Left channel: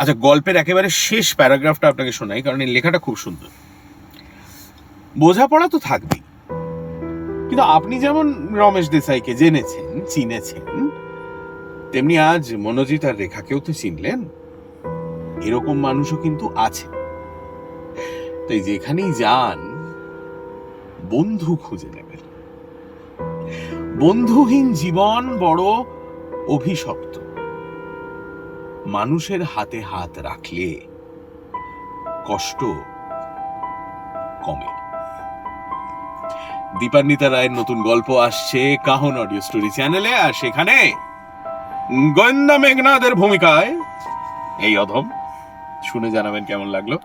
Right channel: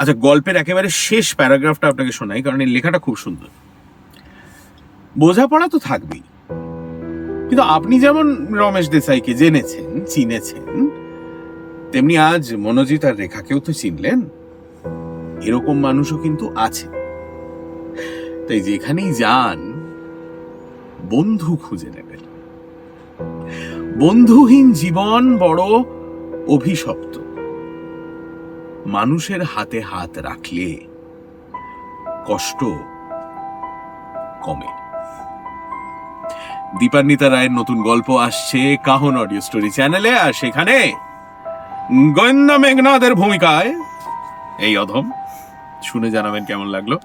আচ্ছা, গল্পের একেবারে শেষ প্যারাগ্রাফটা আপনাকে শোনাই, কারণ এই লেখাটা খুব সুন্দর। বোঝাপড়া তো থাকবেই, কিন্তু আপনি যেমন রমেশ দেসাইকে জেনেছেন, চিনেছেন, তেমনি আজ মনোজিৎ আর রেখাকেও তো চিনলেন। এরকম মানুষও কিন্তু আছে। তাই যেখানেই যান বন্ধু খুঁজে নেবেন। বন্ধুহীন জীবন বড় অভিশপ্ত। মানুষের হাতে হাত রাখলে কষ্ট কমে। দীপান্বিতা রায়ের নতুন গল্প আসছে কাহন অডিও স্টোরি চ্যানেলে, আর সেখানে গোয়েন্দা মেঘনাদের ভূমিকায় এই অধম। শুনে জানাবেন কেমন লাগলো।